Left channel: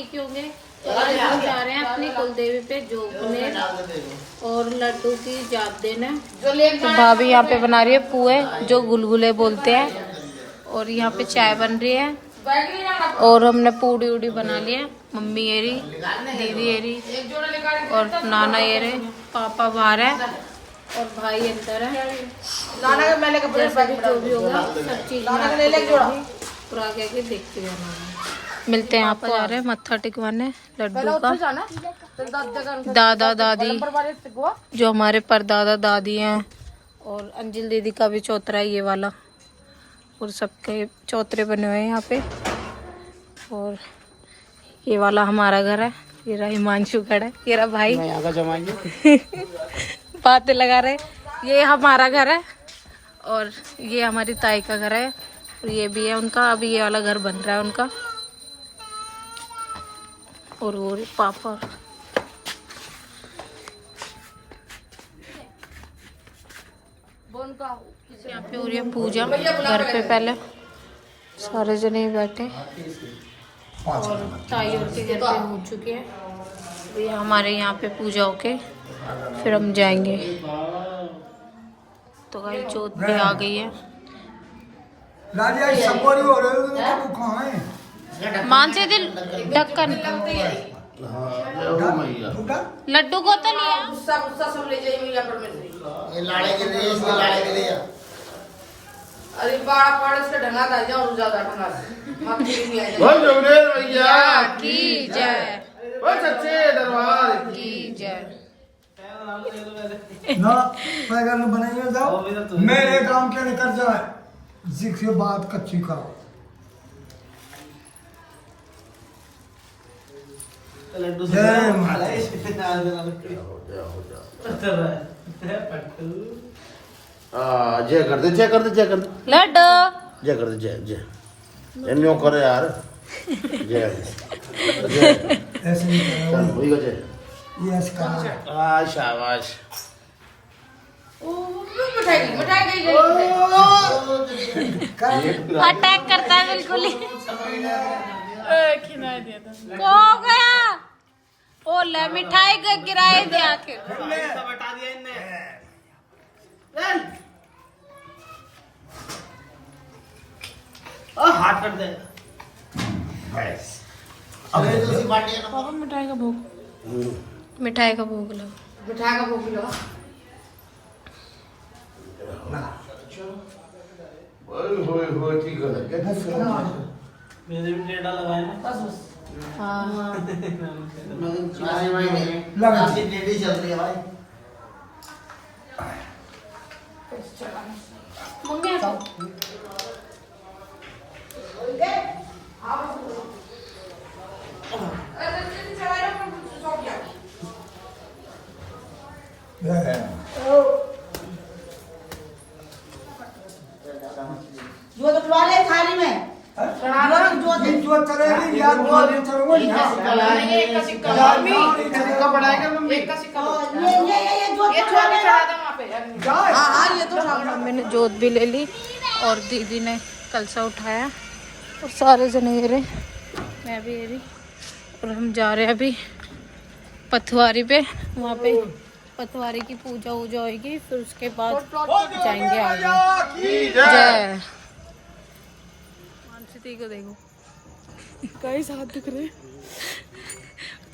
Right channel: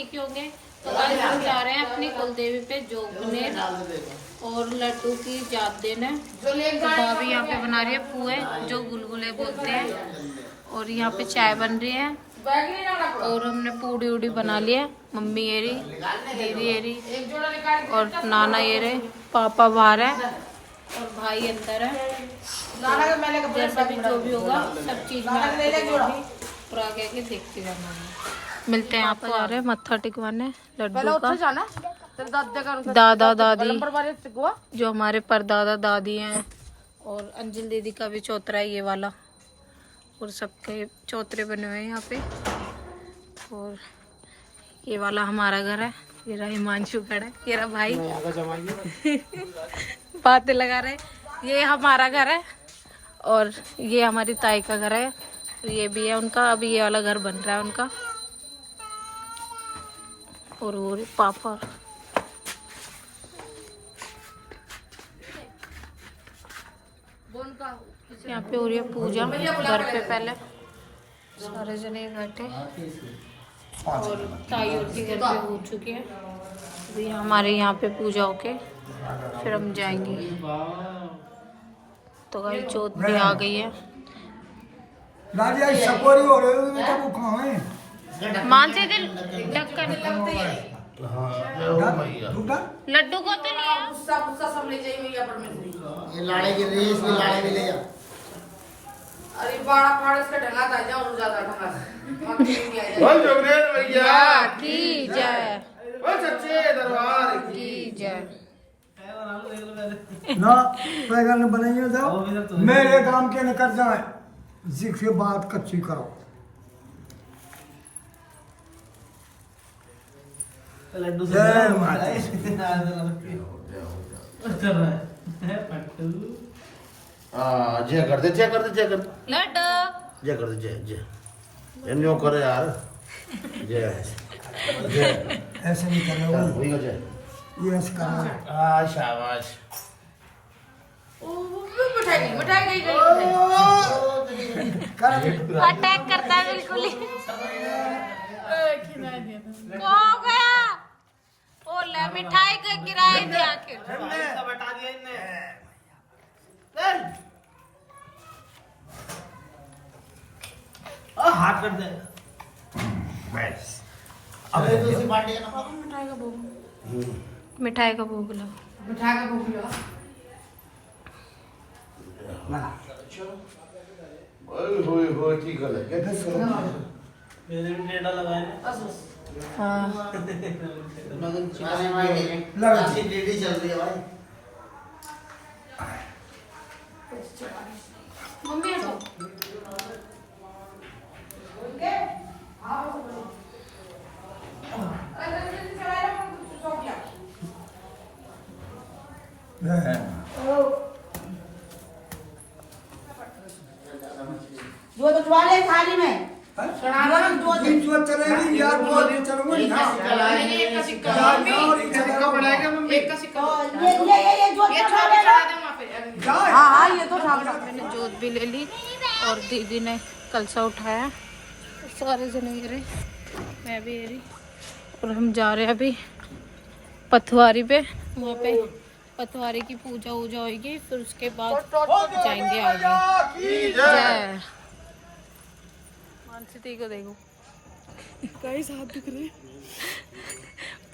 ठीक ही होंगे। तो आज हम जा रहे हैं अपनी कुलदेवी पे जोगनेर और लड्डू की याद देने। तो भाभी यहाँ पे बना रही है पुए जो गुलगुले बोलते हैं, और यहाँ पे चाय बन रही है, और हमने पूड़ी उड़ी बना ली है। मम्मी ये रही, दीदी ये रही, और नाना ये रहे, पापा बाहर है और भाई अंदर है। तो जैसे भी जो भी होगा सब चीज में और आगे आगे देखते जाना। मिलते हैं, आपको आ रहे हैं मत्था टिकवाने लड्डू का। दादा दादी जो हमारे परदादा दादी हैं, और अंजल दीदी का भी चौतरा है ये वाला, और सबके चौतरे बने हुए हैं यहाँ पे। और ये वाला हमारा घर है, ये रहा हिमांशु खड़ा है, ये रहा भाई बातें लगा रहे। ये हमारा घर है और ये हमारी ताई का घर है, ये भी है उनका। अभी ये वाला घर बन रहा है उनका। और वो पापा यहाँ पे हो रही है पूजा घर पे। पहले सारे जने बैठे और ताई और की घर पे हो चुकी है। अभी हमारे यहाँ पे पूजा होके फिर हम जाएंगे। तो गाइस जोत भी आ गई है। मानसी दिल ढक्कन लड्डू को तो लिया। लाड़े गिर रही है, इसकी लाड़े गिर रही है। अरे बाड़ा पाड़े से ढंगा था जाओ और ज्यादा ढंगा या की जय, ओ सच्चे दरबार की जय। ना बैगन बनाइए जाओ, मेरे काम के निकल जाए, जिसके बात कच्ची करो। लड्डू से जय कर दे, जय कर दे, जय कर दे, लड्डू जय कर दे, जय जय इन्हों करे यार, जय जय ऐसे नहीं करो, वही जय ये इसका शाबाश। अटैक करता है बिल्कुल ही। हो गया ओ ले मिठाई का गिराए दे आके। हाथ कर दे बस। मिठाई का भोग लगाओ। मिठाई का भोग लो। ओए होए होए ठीक है। मेरे भी डेटा लगाए बस बस। लगा सी डेडी चल रही है भाई। मम्मी तो जो तो डुबा ले थाली में जो चलेगी यार वो चलूंगा एक का सिक्का बढ़ाएगा मम्मी, एक का सिक्का ये जो हाँ ये तो मैंने जोत भी ले ली और दीदी ने कलसा उठाया और सारे जने ये रहे, मैं भी ये रही। और हम जा रहे हैं अभी पथवारी पे। वहाँ पे पथवारी की पूजा वूजा होगी, फिर उसके बाद जाएंगे आगे। जय मानसी को देखो कई साथ दिख रहे।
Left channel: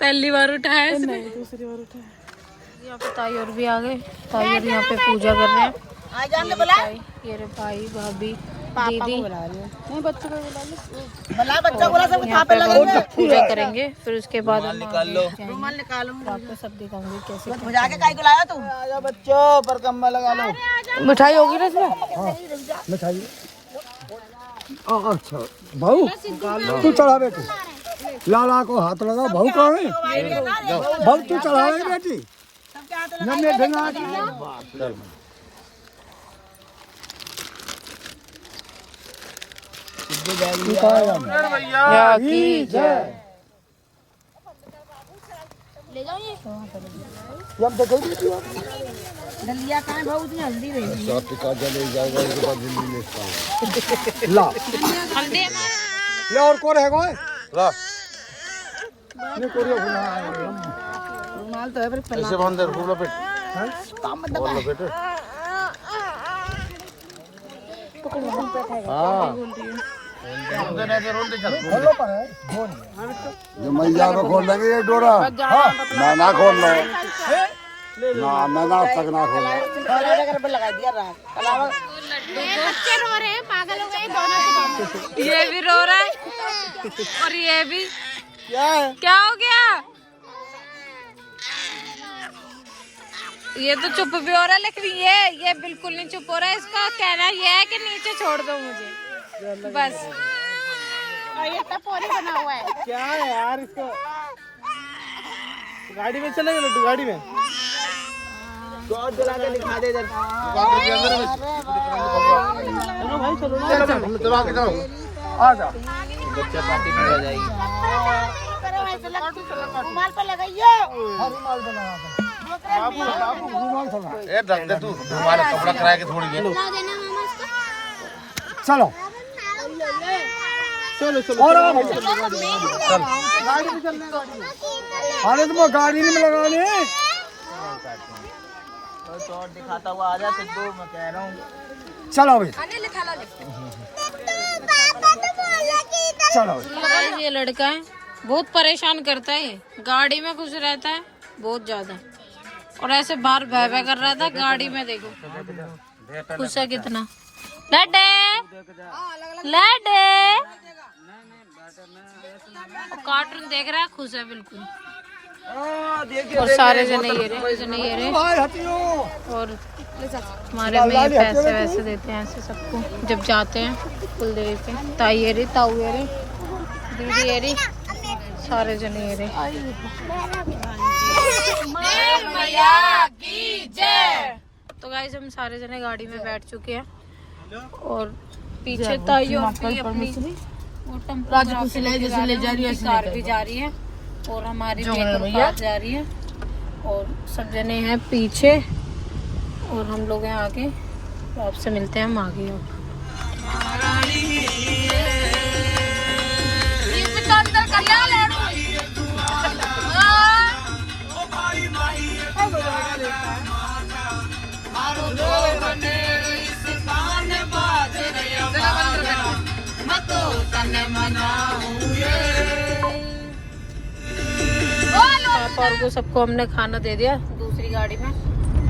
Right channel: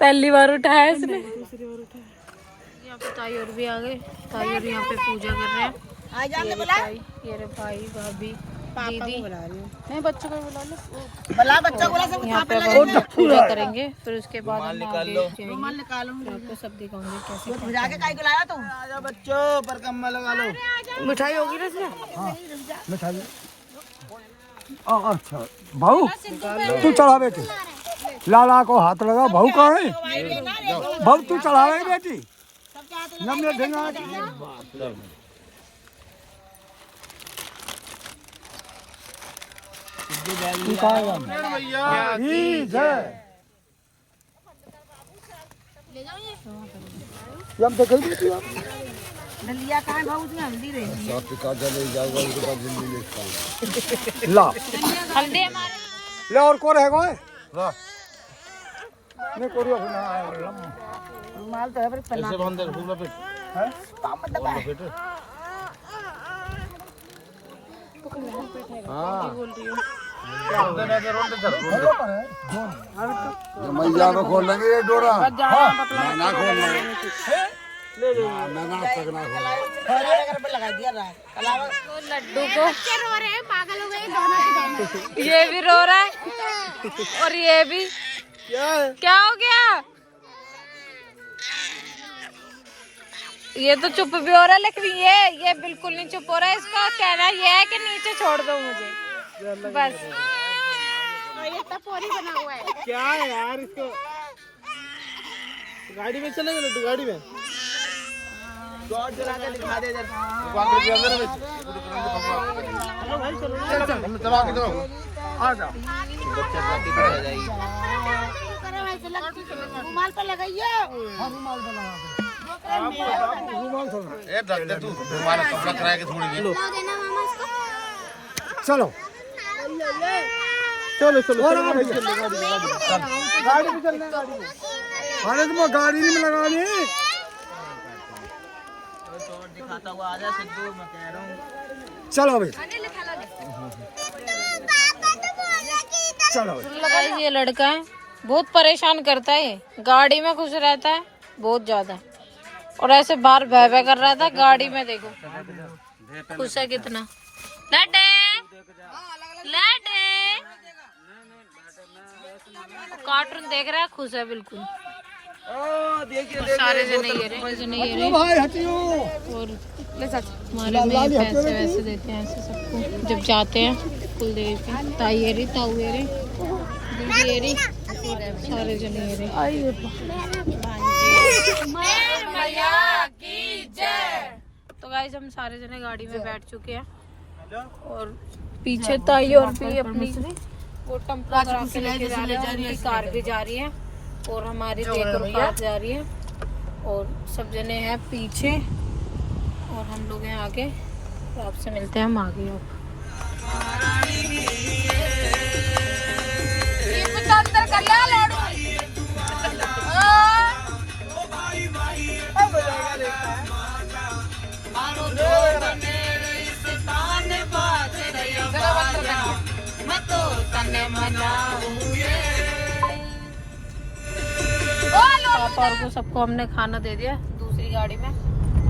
पहली बार उठाया इसने, दूसरी बार उठाया। यहाँ पे ताई और भी आ गए। ताई और यहाँ पे पूजा कर रहे हैं। ये रे भाई भाभी दीदी नहीं बच्चे को बुला लो। भला बच्चा बोला सब यहाँ पे बहुत पूजा करेंगे, फिर उसके बाद हम आगे जाएंगे। तो आपको सब दिखाऊंगे कैसे बुझा के काई को लाया तू। आजा बच्चों पर कम्मा लगा लो। मिठाई होगी ना इसमें। हाँ मिठाई। अच्छा भाऊ तू चढ़ा बेटी, लाला को हाथ लगा। भाऊ कहाँ है? भाऊ तू चढ़ा बेटी। नम्य ढंगा दलिया कहाँ भाऊ उसमें हल्दी रही। ला हल्दी हमारा ला और कौन है? ला माल तो है पर ऐसे बंद कर बोलो पेट हैं? बोलो पेट हां बोल रही है रोंदे नहीं तो रोंदे चल हेलो पर है जोर जब मैया को खोल लगे ये डोरा ना ना खोल लो ना मैं ना तक ना खोल अगर पे लगा दिया रात अलावा लड्डू को रो रहे हैं, पागल हो गए दोनों के दोनों। ये भी रो रहा है और ये भी। क्या है क्या हो गया? ये तो चुप भी हो रहा है, लेकिन ये बिल्कुल नहीं चुप हो रहा है। इसका कहना ये है कि नीचे छोड़ दो मुझे बस। ये तो पूरी बना हुआ है। क्या है यार इसको गाड़ी में चलेगा लड्डू गाड़ी में जोर जला के दिखा दे इधर चलो आगे चलो आ जा बच्चे पार्टी में आ जाएगी रुमाल पे लगाइए हाँ रुमाल बना रुमाल थोड़ा ए दर्द तू तुम्हारे कपड़ा कराए के थोड़ी है चलो चलो चलो और गाड़ी में चलना अरे तुम गाड़ी में लगानी है जोर दिखाता हुआ आ जा सिद्धू मैं कह रहा हूँ चलो भाई चलो गाइस ये लड़का है, बहुत परेशान करता है। गाड़ी में खुश रहता है बहुत ज्यादा, और ऐसे बाहर बह बह कर रहा था। गाड़ी में देखो खुश है कितना। लड्डे लड्डे कार्टून देख रहा है, खुश है बिल्कुल। और सारे जने ये रहे भाई हटियो और हमारे में ये पैसे वैसे देते हैं ऐसे सबको जब जाते हैं कुलदेवी पे। ताई ये रही, ताऊ ये रही, दीदी ये रही, सारे जने ये रहे। तो गाइस हम सारे जने गाड़ी में बैठ चुके हैं और पीछे ताई और भी अपनी वो टेम्पो कार भी जा रही है और हमारी बेटी कार जा रही है और सब जने हैं पीछे और हम लोग हैं आगे। तो आपसे मिलते हैं हम आगे। अब पापा और को सबको हमने खाना दे दिया दूसरी गाड़ी में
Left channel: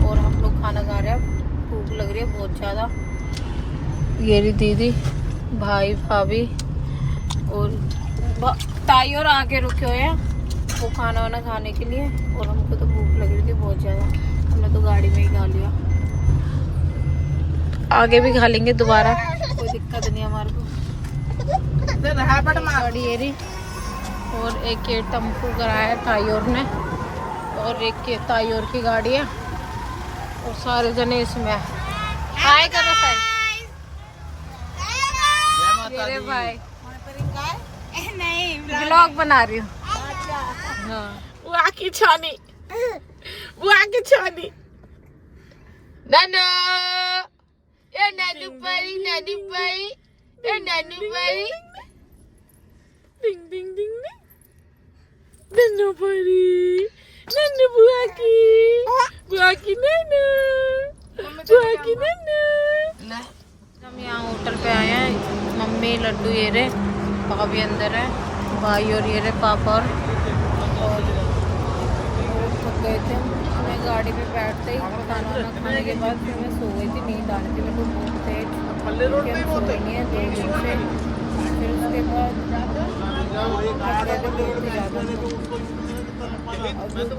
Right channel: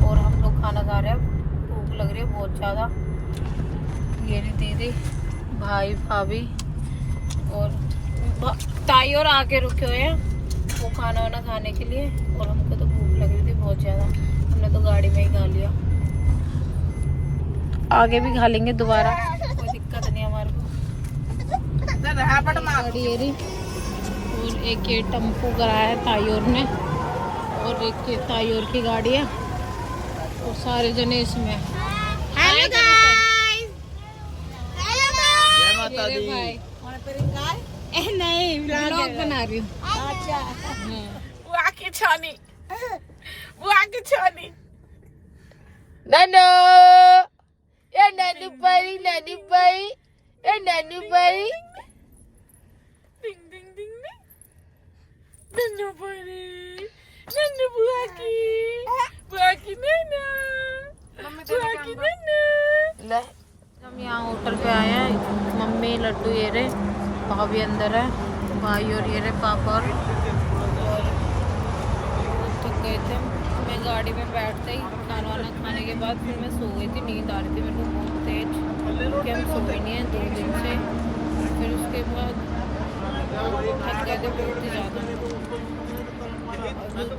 और हम लोग खाना खा रहे हैं। भूख लग रही है बहुत ज़्यादा। ये रही दीदी, भाई, भाभी और ताई और आके रुके हुए हैं वो खाना वाना खाने के लिए। और हमको तो भूख लग रही थी बहुत ज़्यादा, हमने तो गाड़ी में ही खा लिया। आगे भी खा लेंगे दोबारा, कोई दिक्कत नहीं हमारे को। गाड़ी ये रही और एक ये टेम्पो कराया ताईयोर ने और एक ये ताईयोर की गाड़ी है और सारे जने इसमें हैं। हाय करो मेरे भाई। नहीं व्लॉग बना रही हूँ। हाँ बुआ की छानी नानू ये नानू परी ये नानू परी डिंग डिंग डिंग नन्नू परी नन्नू बुआ की नन्नू हम यहाँ होटल पे आए हैं। मम्मी लड्डू ये रहे, भाभी अंदर है, भाई और ये रहे पापा और बहुत थक गए थे। मैं गाड़ी में बैठते ही खाना वाना खाने के बाद फिर मैं सो गई थी, नींद आ रही थी मेरे को बहुत तेज क्योंकि हम सोए नहीं है 2 दिन से। फिर उसके बाद थक गए थे बहुत ही ज़्यादा।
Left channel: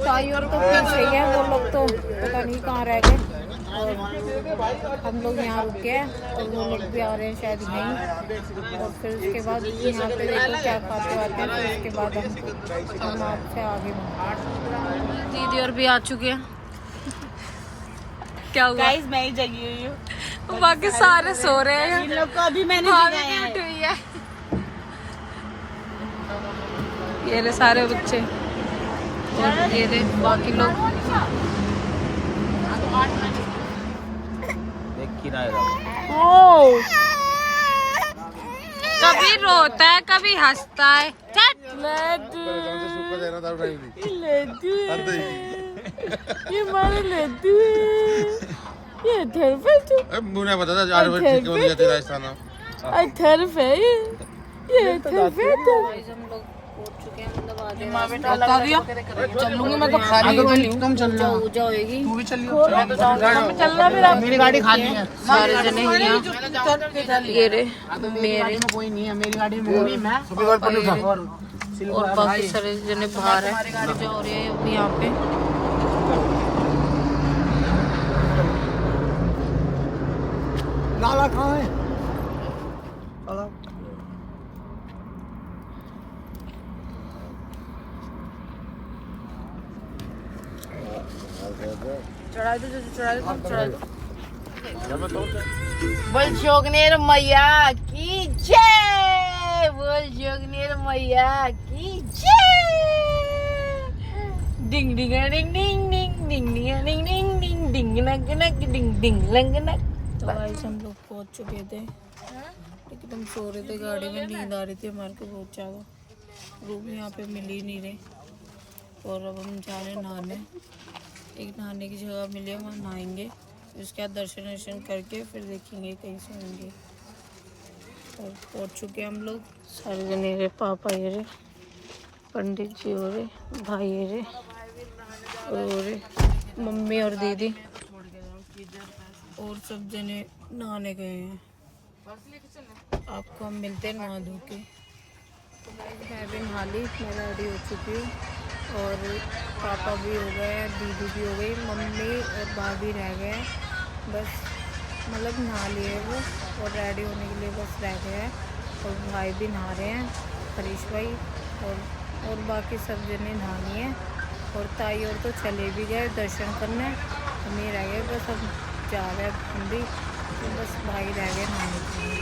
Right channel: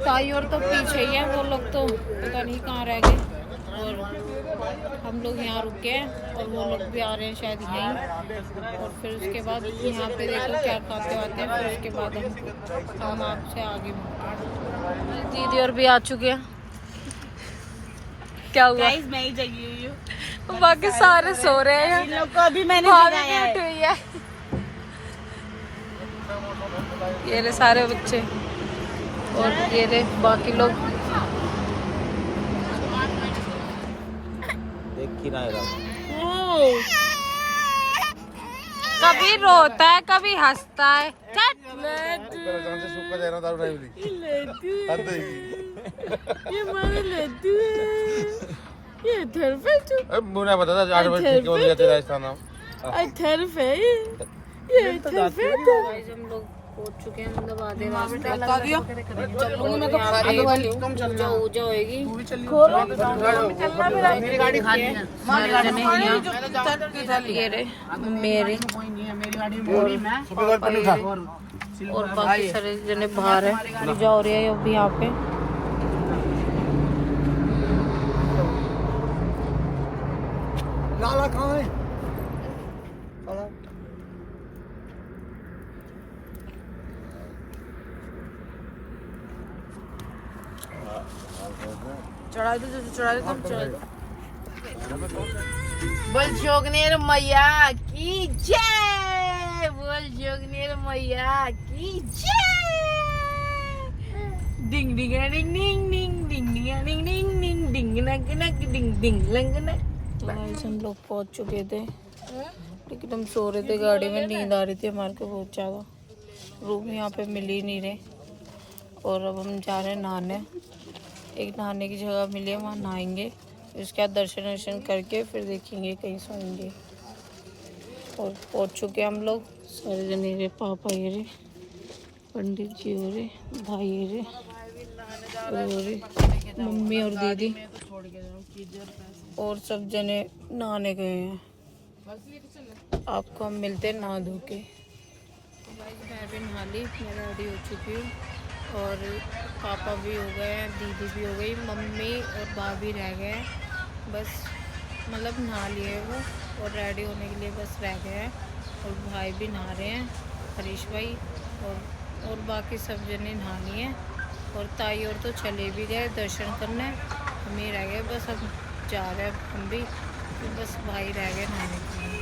ताई और तो पीछे ही है, वो लोग तो पता नहीं कहाँ रह गए और हम लोग यहाँ रुक गए और वो लोग भी आ रहे हैं शायद यहीं। और फिर उसके बाद यहाँ पे देखो क्या खाते आते हैं। फिर उसके बाद हम आपसे आगे मिलते हैं। दीदी और भी आ चुके हैं। क्या हुआ? मैं ही जगी हुई हूँ, बाकी सारे सो रहे हैं। इन लोग को अभी मैंने भाभी जगाया भी है। उठी हुई है। ये रहे सारे बच्चे और ये रहे बाकी लोग। कभी रोता है कभी हंसता है। लड्डू है। ये हमारा लड्डू है। ये थर्फ है तो मुझे बता था आज ठीक हो गया तेरा राजस्थान थर्फ है ये थर्फ है तो गाइस हम लोग पहुंच चुके हैं, मतलब आधे रास्ते। चलूंगी मैं तो खा रही वाली तुम पूजा ऊजा होएगी। चलना मेरा मेरी गाड़ी खाली है सारे जने यहाँ ये रे मेरे कोई नहीं है मेरी गाड़ी में मैं और बाकी सारे जने बाहर है। पूजा हो रही है अभी यहाँ पे। लाला कहाँ है? लाला बोल जोगनेर मैया की जय बोल जोगनेर मैया की जय डिंग डिंग डिंग डिंग डिंग डिंग डिंग डिंग डिंग डिंग डिंग नक नक डिंग डिंग लंग नक। तो गाइस हम लोग पहुंच चुके थे, एकदम सो रहे थे गाड़ी में, नींद आ रही थी हमारे को बहुत ज़्यादा। रूम यहाँ पे मिल ही नहीं रहे और अब हम जा रहे हैं नहाने। एक नहाने की जगह मिली है, वहाँ नहाएंगे, उसके बाद दर्शन वर्शन करके फिर देखेंगे कहीं सोएंगे। और पहुँच चुके हम लोग सारे जने रे, पापा ये रे, पंडित जी हो रहे, भाई ये रे, और रे मम्मी और दीदी और सब जने नहाने गए हैं। आपको हम मिलते नहा धो के। तो गाइस मैं भी नहा ली, मैं रेडी हो चुकी हूँ और पापा भी हो गए हैं, दीदी भी हो गई, मम्मी और भाभी रह गए हैं बस, मतलब नहा लिए वो और रेडी होने के लिए बस रह गए हैं। और भाई भी नहा रहे हैं, हरीश भाई, और बाकी सब जने नहानी है। और ताई और तो चले भी गए दर्शन करने, हम ही रह गए बस, हम जा रहे हैं हम भी, तो बस भाई रह गए नहाने के लिए।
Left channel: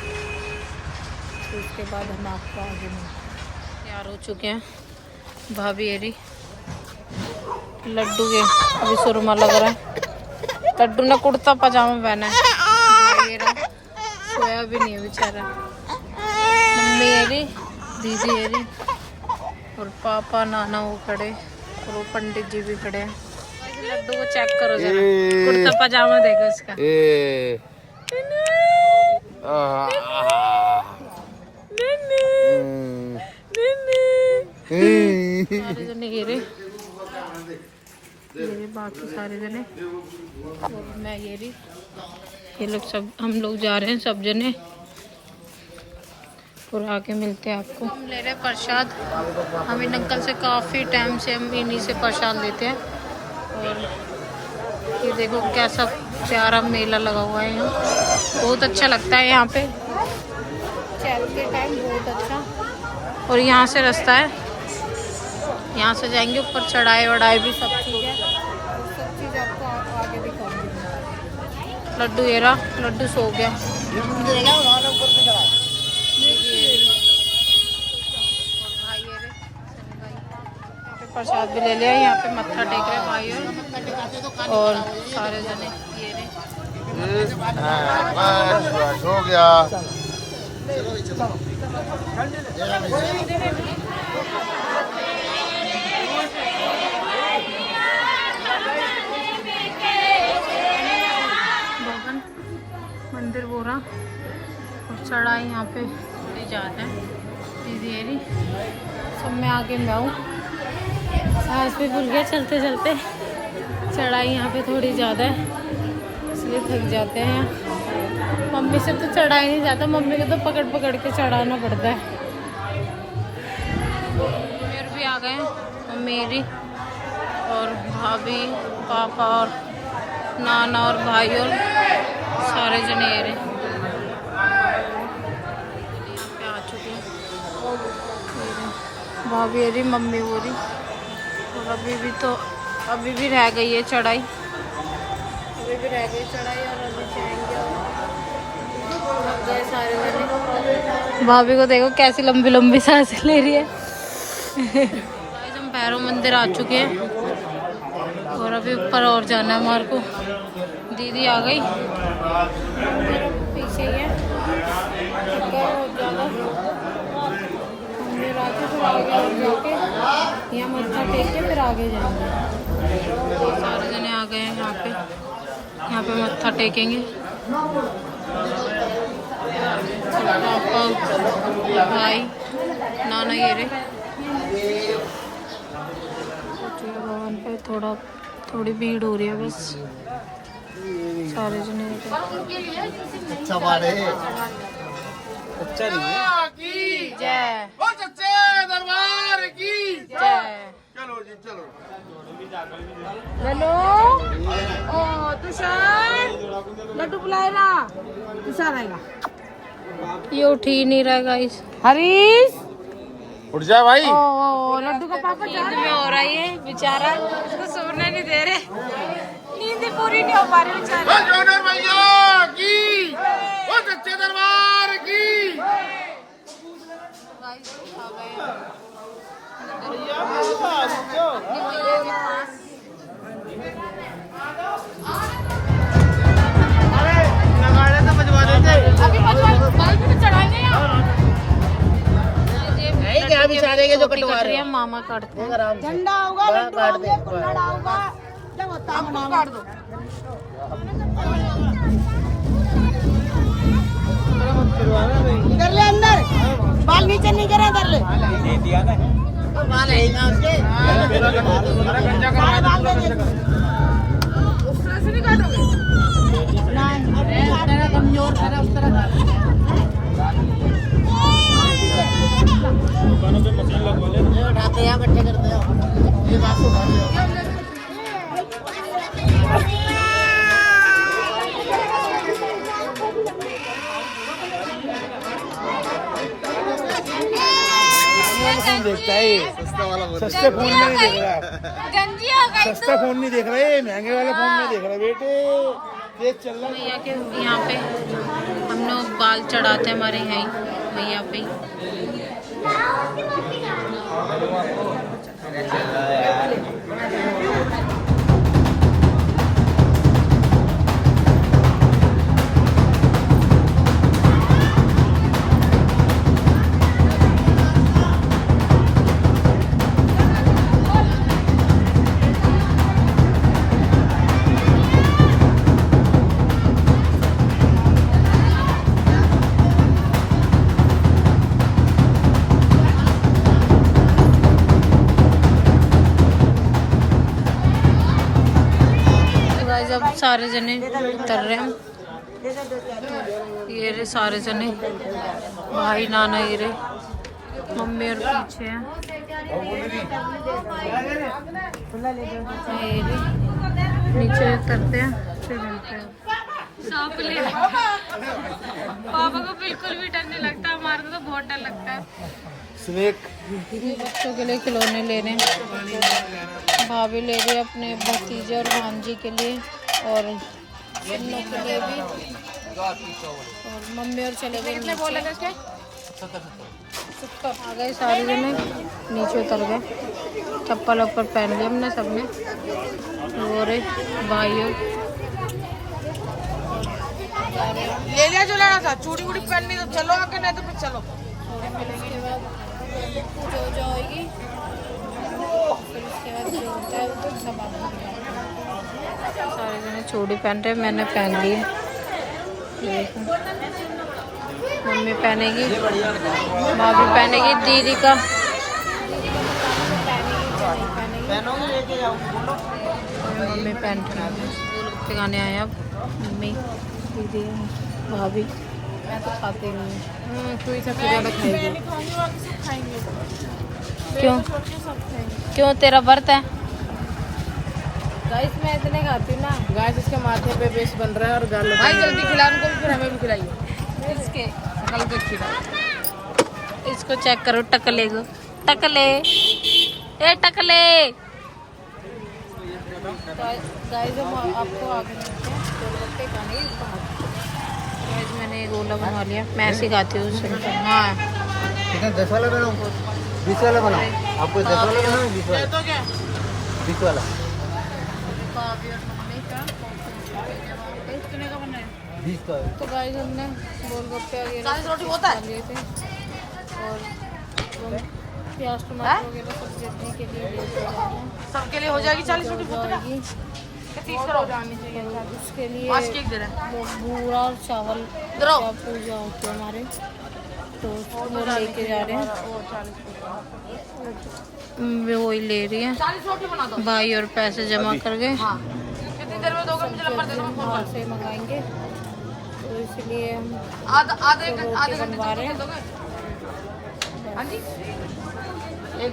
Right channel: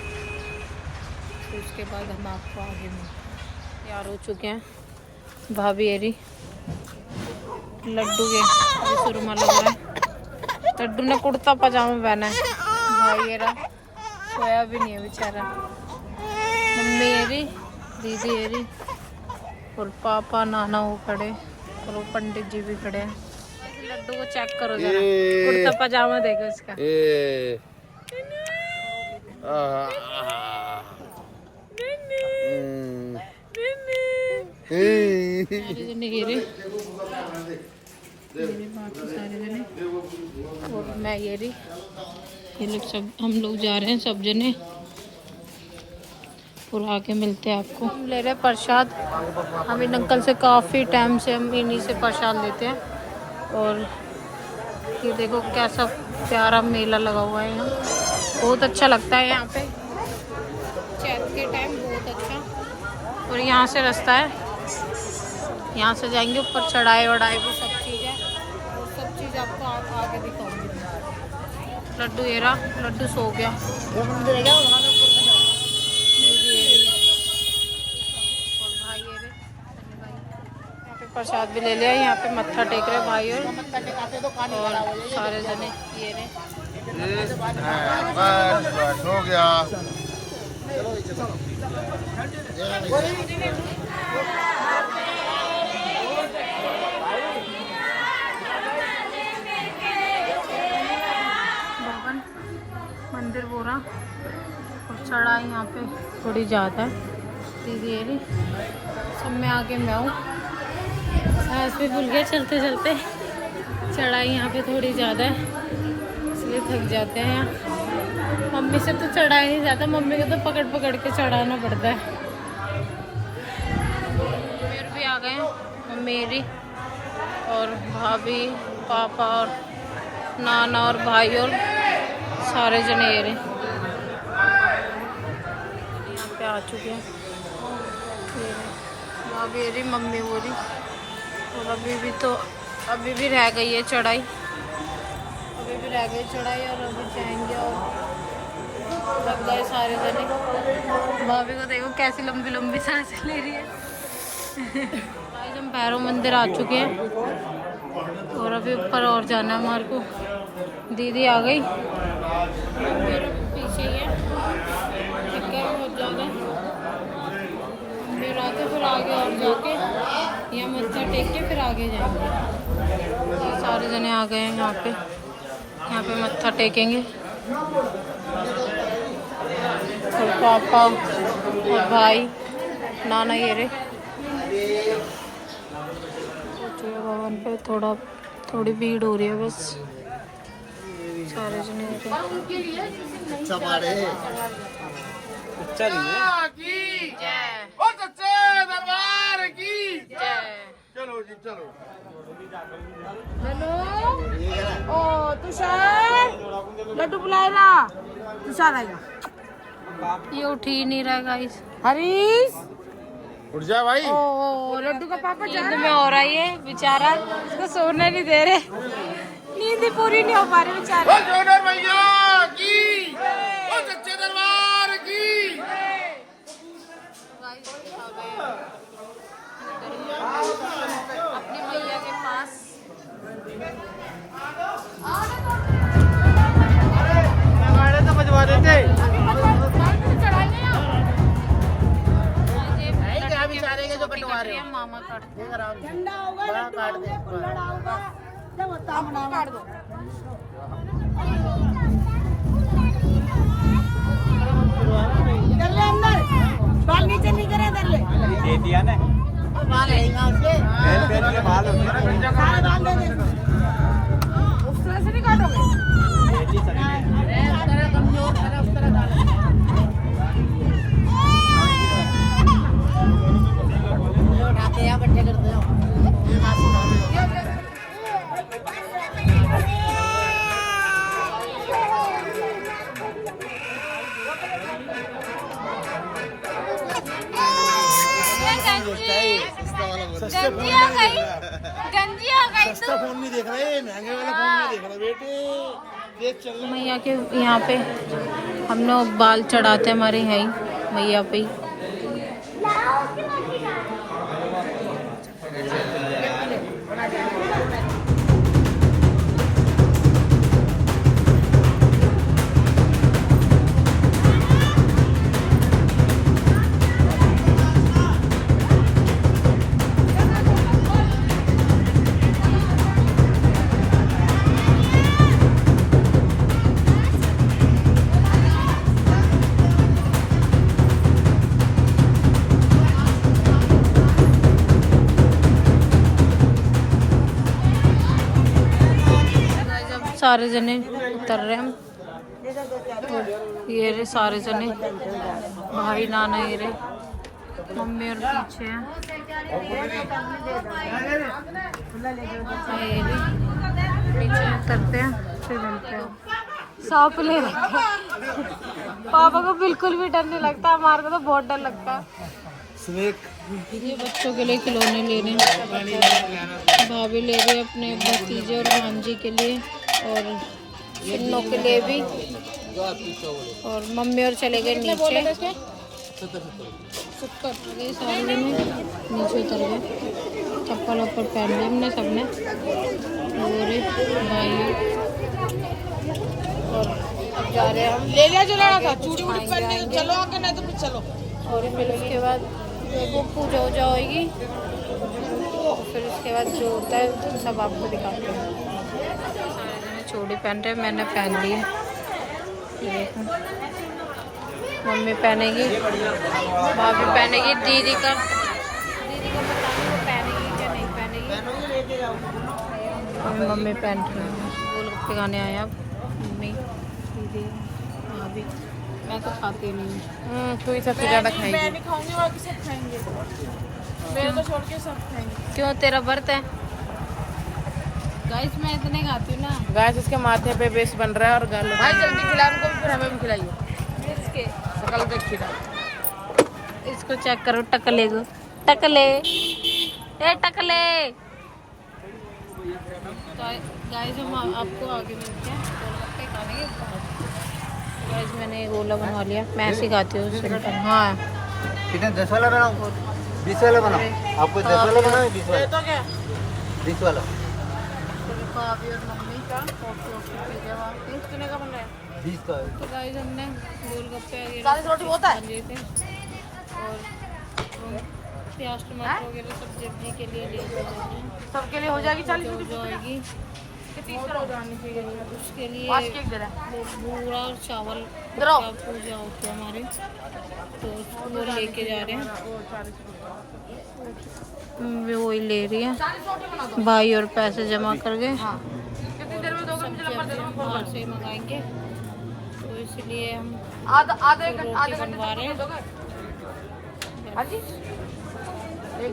तो उसके बाद हम आपको आगे मिलते हैं। तैयार हो चुके हैं भाभी एरी, लड्डू के अभी सुरमा लग रहा है, लड्डू ने कुर्ता पजामा पहना है, भाई एरा सोया भी नहीं है बेचारा, मम्मी एरी, दीदी एरी और पापा नाना वो खड़े और वो पंडित जी भी खड़े हैं। लड्डू को चेक करो जरा, कुर्ता पजामा देखो इसका। सारे जने ये रे, बाकी सारे जने और मैं ये रही, ये लोग सब, हम लोग जा रहे हैं सब जने और आके मिलते हैं आपको। हम ले रहे हैं प्रसाद, हम इन अंकल से काफ़ी टाइम से हम इन्हीं से प्रसाद लेते हैं। और ये देखो कैसा प्यारा मेला लगा हुआ है यहाँ, बहुत अच्छा लगता है यहाँ पे चैत के टाइम, बहुत अच्छा। और यहाँ से रास्ता है, यहाँ से जाएंगे ऊपर, चढ़ाई वढ़ाई भी सब चीज़ है और सब चीज़ आपको आगे दिखाऊंगी मैं। लड्डू ये रहा, लड्डू सो गया, और भाई ये रे सनी भाई, यहाँ पे प्रसाद भी ले लिया, यहाँ पे मत्था टेक रहे भाई और सारे जने ये रे। बस हो गया। भवन मंदिर बोरा और चढ़ाई यहाँ पे थोड़ी ज़्यादा है, दीदी ये रही, सब में आगे मैं हूँ, सांस भी भूल गया चलते चलते। चढ़ाई यहाँ पे थोड़ी ज़्यादा है इसलिए थक जाते हैं। मम्मी से तो चढ़ाई नहीं जाता, मम्मी को तो पकड़ पकड़ के चढ़ाना पड़ता है। फिर भी आ गए हैं मम्मी मेरी और भाभी, पापा और नाना और भाई और सारे जने ये रहे यहाँ पे आ चुके हैं। भाभी ये रही, मम्मी वो रही, और अभी भी रह गई है चढ़ाई, अभी भी रह गई चढ़ाई और अभी जाएंगे और लग गए सारे जने। भाभी को देखो कैसी लंबी लंबी सांसें ले रही है। हम भैरव मंदिर आ चुके हैं और अभी ऊपर और जाना है हमारे को। दीदी आ गई, मेरे पीछे ही है, थक गए बहुत ज़्यादा। मेरे फिर आके फिर आगे और जाके यहाँ मत्था टेक के फिर आगे जाएंगे। तो सारे जने आ गए हैं यहाँ पे मत्था टेकेंगे। और पापा भाई नाना ये रे भवन पे थोड़ी भीड़ हो रही है बस। सारे जने अच्छा नहीं है। जय ओ सच्चे दरबार की जय। चलो जी चलो। हेलो ओ तुषार लड्डू बुलाएगा। तुषार आएगा। ये उठ ही नहीं रहा गाइस। हरीश उठ जा भाई। ओ लड्डू का पापा जा नींद में हो रहा है बेचारा, इसको सोने नहीं दे रहे, नींद पूरी नहीं हो पा रही बेचारे। ओ जोनर भैया की ओ सच्चे दरबार की। मामा काटते हैं। झंडा होगा लड्डू होंगे कुल्हड़ होगा। आपको काट दो। इधर ले अंदर बाल नीचे नहीं करा इधर ले। सारे बाल दे दे। उस तरह से नहीं काटोगे? नहीं कमजोर है उस तरह का। इकट्ठे करते हो ये बात सुना दिया। गंजी हो गई। सस्ता फोन नहीं देख रहे, महंगे वाला फोन नहीं देख रहा बेटे। तेज चल रहा है। मैया के यहाँ पे हम लोग बाल चढ़ाते हमारे हैं मैया पे। सारे जने उतर रहे हम। ये रे सारे जने भाई नाना ये रे मम्मी और पीछे हैं। ये रे नीचे उतरते हैं फिर मिलते हैं। सांप ले पापा को बिल्कुल भी डर नहीं लगता, हमारे को तो बहुत डर लगता है। ये बच्चों के लिए खिलौने ले रहे हैं। भाभी ले रही है अपने भतीजे और भांजी के लिए और इन लोग के लिए भी। और मम्मी और चले गए नीचे। आ गए सारे जने नीचे उतर गए। चप्पल वप्पल पहन लिया हमने सबने। और भाइयों जा रहे हैं। ले लिया जो लेना था। चूड़ी वूड़ी पहननी तो चलो आगे, नहीं तो फिर चलो। और फिर उसके बाद पूजा वूजा होगी। फिर उसके बाद जो होता है सब आपको दिखाते हैं। सारे जने चूड़ी पहन रहे, मैंने पहन ली है। ये देखो मम्मी पहनेगी, भाभी पहनेगी, दीदी का पता नहीं वो पहनेगी क्या नहीं पहनेगी। और मम्मी पहन रही है। गोलगप्पे खाने आए अब मम्मी दीदी भाभी। मैं तो खाती नहीं हूँ। तू ही सबसे ज़्यादा खाएगी। क्यों क्यों तेरा व्रत है? गाइस मैं इतने खाती हूँ ना। गाइस इसके माथे पे बेस बन रहा है और गालों पे जल्दी खिलाओ उनको, फिर हमें भी खिलाइए। इसके इसको चेक करो, टकले को, टकले ए टकले। गाइस हम आपको आगे मिलते हैं गोलगप्पे खाने के बाद। गाइस मैंने गोला बनवा लिया, मैं ऐसे खाती हूँ सिंपल। हाँ ठीक है, 10 वाला बना, 20 वाला बना। आपको 10 वाला बना, 20 वाला। 20 वाला। भाभी और मम्मी का कॉफी वॉफी पी लिया वहाँ पे। 20 का है। तो गाइस हमने गोलगप्पे वगैरह खा लिए थे और वो प्याज टमाटर वगैरह सब सब्जी के लिए लेके जा रहे हैं। सबके लिए हो जाएगी 40 रोटी हो जाएगी। 30 करो। तो उसके लिए 5 केक दे रहा वो बूरा और चावल इधर क्या पूजा होती है हमारे, तो वो लेके जा रहे हैं। वो 40 मैं वही ले रही है 40 रोटी बना दो। भाई, और पैसे जमा कर गए। हाँ कितनी देर में दोगे? मुझे नंबर दे दो, मैं फोन बाहर कर से मंगाएंगे, तो इसलिए हम आधे तो घंटे रोटी बनवा रहे हैं। हाँ जी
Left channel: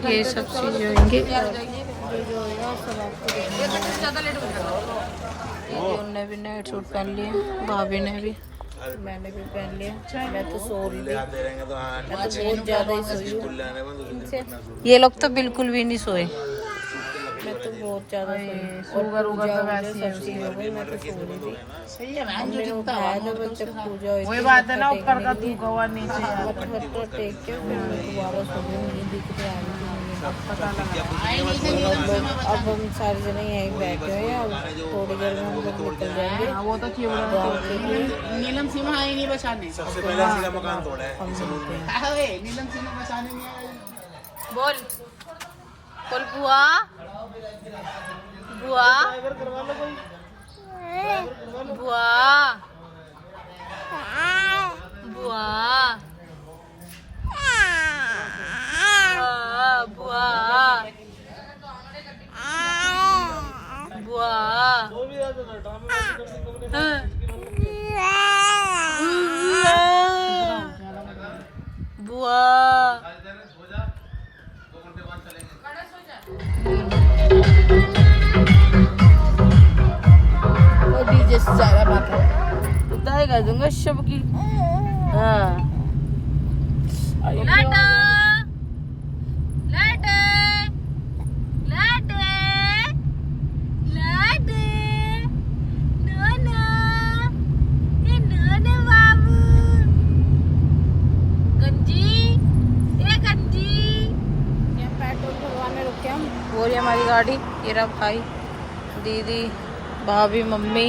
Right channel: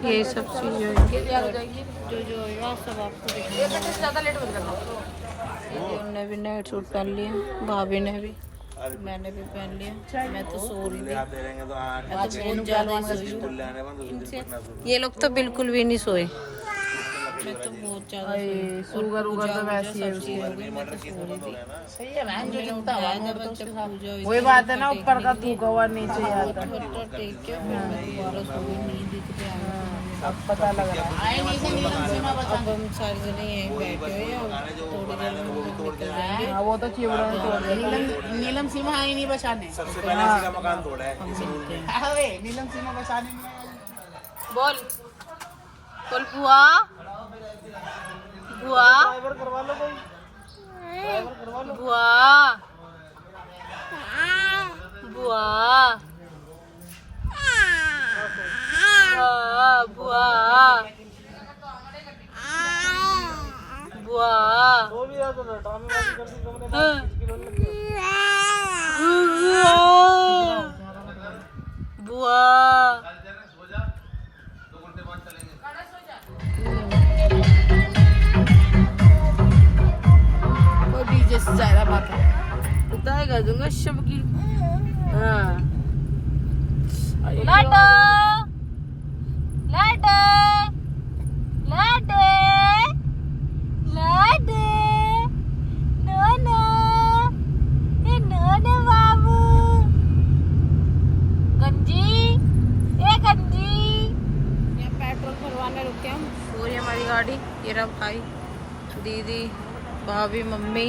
ये सब चीज़ें होंगी और जो होगा सब आपको दिखाएंगे। ज़्यादा लेट हो जाएगा। दीदी ने भी नए सूट पहन लिए, भाभी ने भी, मैंने भी पहन लिया। मैं तो सो रही थी, मैं तो बहुत ज़्यादा ही सोई हूँ। ये लोग तो बिल्कुल भी नहीं सोए, मैं तो बहुत ज़्यादा सोई। शुगर उगर तो वैसे ही है सब चीज़ हो गई, मैं तो सो रही थी। मम्मी ने उठाया था बस जब पूजा हुई वही थी, बात है ना, मत्था ऊपर का टेकने के थूका हुआ नीचे लिए। यार। मत्था टेक के फिर मैं दोबारा सो गई, नींद दिखते आ गई थी मुझे। अब पता लग रहा है। और अब हम सारे जने यहीं बैठे हुए हैं। अब थोड़ी देर में हम लोग निकल जाएंगे हाँ, वो तो चिवड़ा गाँव के लिए। नीलम सीमा आई नहीं बचाने। हम मिलते हैं। नीलम सीमा बचाने नहीं आई। बोल बोल बुआ बुआ बुआ बुआ बुआ बुआ वो डीजे से ज्यादा बात उतना कर दूंगा शब की। पेट्रोल भरवाने रुके हम। वो रही हमारी गाड़ी, ये रहा भाई, दीदी, भाभी, मम्मी।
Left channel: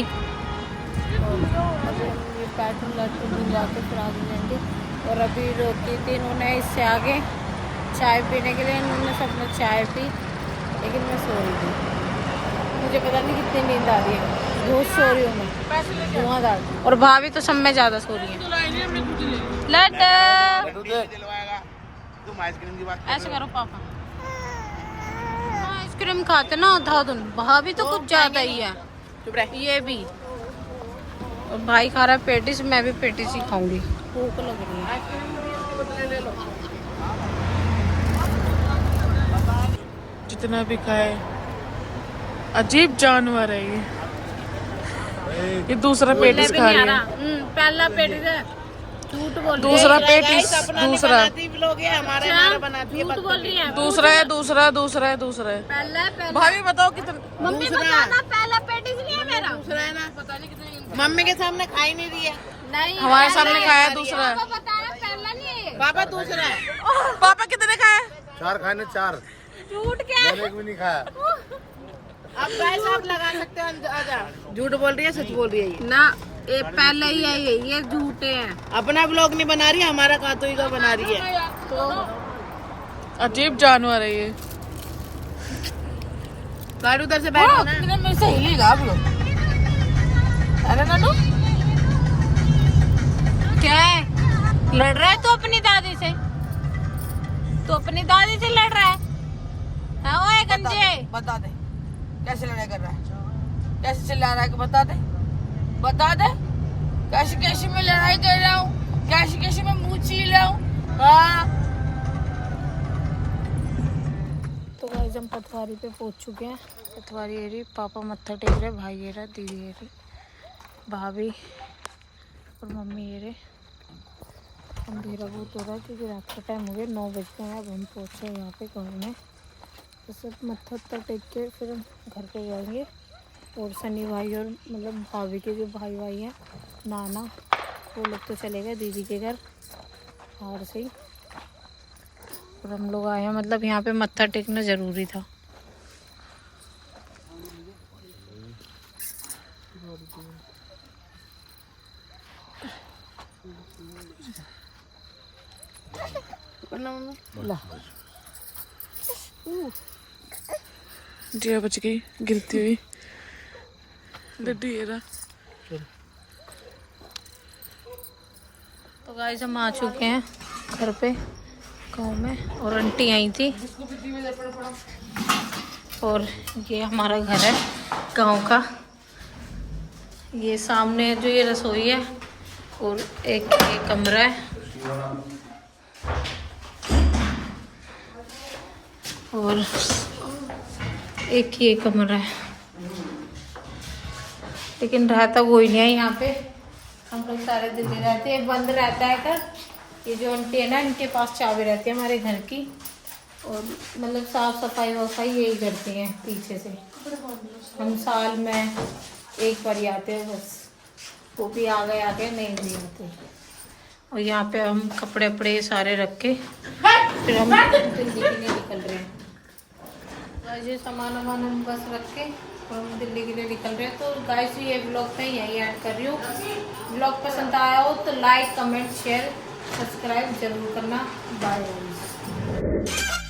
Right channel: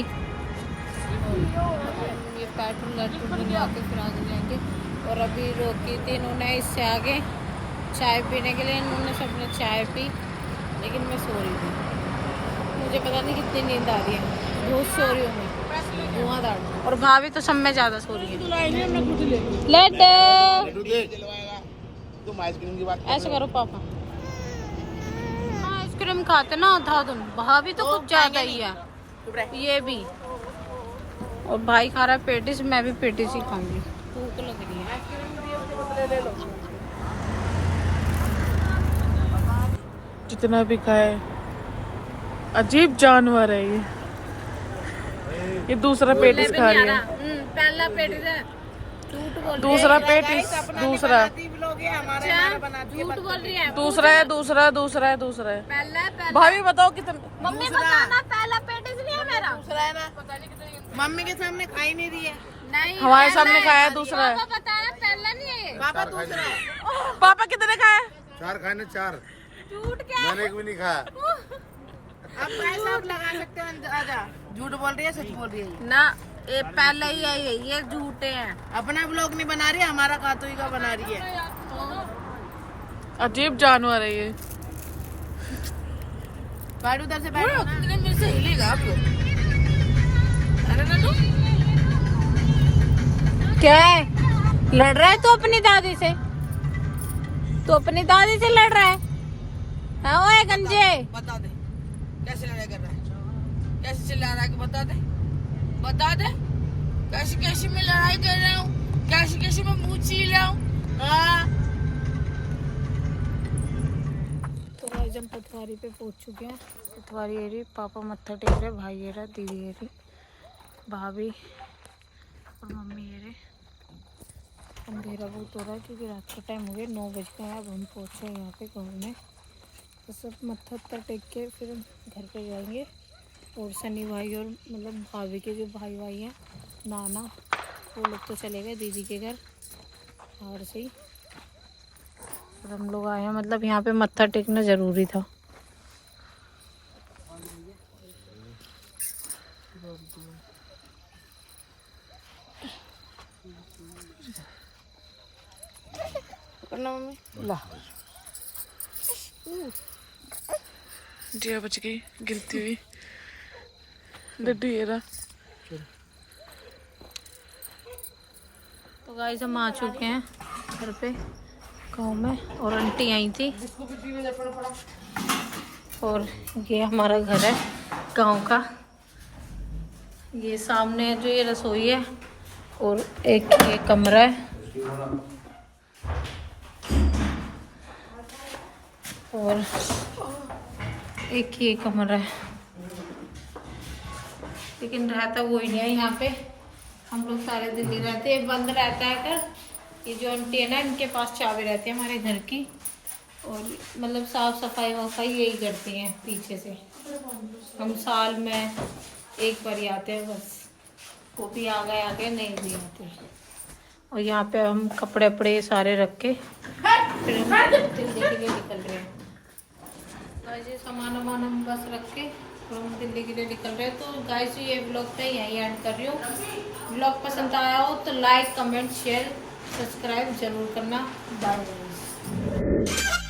और अभी हम ये पेट्रोल भरवा के फिर आगे जाएंगे। और अभी रोकी थी इन्होंने इससे आगे चाय पीने के लिए, इन्होंने सबने चाय पी, लेकिन मैं सो रही थी। मुझे पता नहीं कितनी नींद आ रही है, बहुत सो रही हूँ मैं, धुआंधार। और भाभी तो सब में ज़्यादा सो रही है। लड्डू देख, तुम आइसक्रीम की बात कर रहे हो। आइसक्रीम खाते ना आधा दिन, भाभी तो कुछ ज़्यादा ही है, ये भी। और भाई खा रहा है पेटिस, मैं भी पेटिस ही खाऊंगी, भूख लग रही है। जितना भी खाए, अजीब जानवर है ये दूसरा पेटिस खा रही है। पहला पेटिस है, झूठ बोल रही है। दूसरा पेटिस, दूसरा झूठ बोल रही है। दूसरा है, दूसरा दूसरा है, दूसरा है। पहला भाभी बताओ कितना। मम्मी बताना, पहला पेटिस नहीं है मेरा। दूसरा है ना, मम्मी के सामने खाई नहीं रही है। नहीं, हमारे सामने खाया है, दूसरा है। पापा बताना, पहला नहीं है। पापा दूसरा है। पापा कितने खाए? 4 खाए ना 4, झूठ क्या? मैंने एक भी नहीं खाया। आप पैसा आप लगा सकते हो। आजा, झूठ बोल रही है, सच बोल रही है ये। ना, ये पहला ही है, ये झूठे हैं। अपना ब्लॉग नहीं बना रही है, हमारा कातोई का बना रही है। तो अजीब जानवर है ये। गाड़ी उधर से बैठो ना। मेरे से हिलेगा आप लोग। अरे नानू क्या है? लड़ रहा है तो अपनी दादी से, तो अपनी दादी से लड़ रहा है। हाँ, ओए गंजे, बता दे कैसे लड़ाई कर रहा है, कैसे चिल्ला रहा है, बता दे, बता दे कैसे कैसे मैं लड़ाई कर रहा हूँ, कैसे कैसे मैं मुँह छील रहा हूँ। हाँ तो गाइस हम पटवारी पे पहुंच चुके हैं। पटवारी ये रही, पापा मत्था टेक रहे, भाई ये रहा, दीदी ये रही, भाभी और मम्मी ये रहे। अंधेरा बहुत हो रहा है क्योंकि रात का टाइम हो गया, 9 बज गए हैं। अब हम पहुँचे यहाँ पे गाँव में, तो सब मत्था उत्था टेक के फिर हम घर पे जाएंगे। और सनी भाई और मतलब भाभी के जो भाई हैं, नाना, वो लोग तो चले गए दीदी के घर बाहर से ही। और हम लोग आए हैं, मतलब यहाँ पे मत्था टेकना ज़रूरी था। जिया बच गई गिरती हुई। डड्डू ये रहा। तो गाइस हम आ चुके हैं घर पे गांव में, और आंटी आई थी। और ये हमारा घर है गांव का। ये सामने जो ये रसोई है और एक ये कमरा है, और एक ये कमरा है, लेकिन रहता कोई नहीं है यहाँ पे। हम लोग सारे दिल्ली रहते हैं, बंद रहता है घर। ये जो आंटी है ना, इनके पास चाबी रहती है हमारे घर की, और मतलब साफ सफाई वफाई यही करती हैं पीछे से। हम साल में एक बार ही आते हैं बस, वो भी आ गए नहीं भी आते। और यहाँ पे हम कपड़े वपड़े सारे रख के फिर हम दिल्ली के लिए निकल रहे हैं। गाइस ये सामान वामान हम बस रख के और हम दिल्ली के लिए निकल रहे हैं। तो गाइस ये व्लॉग मैं यहीं एंड कर रही हूँ। व्लॉग पसंद आया हो तो लाइक कमेंट शेयर सब्सक्राइब जरूर करना। Bye guys.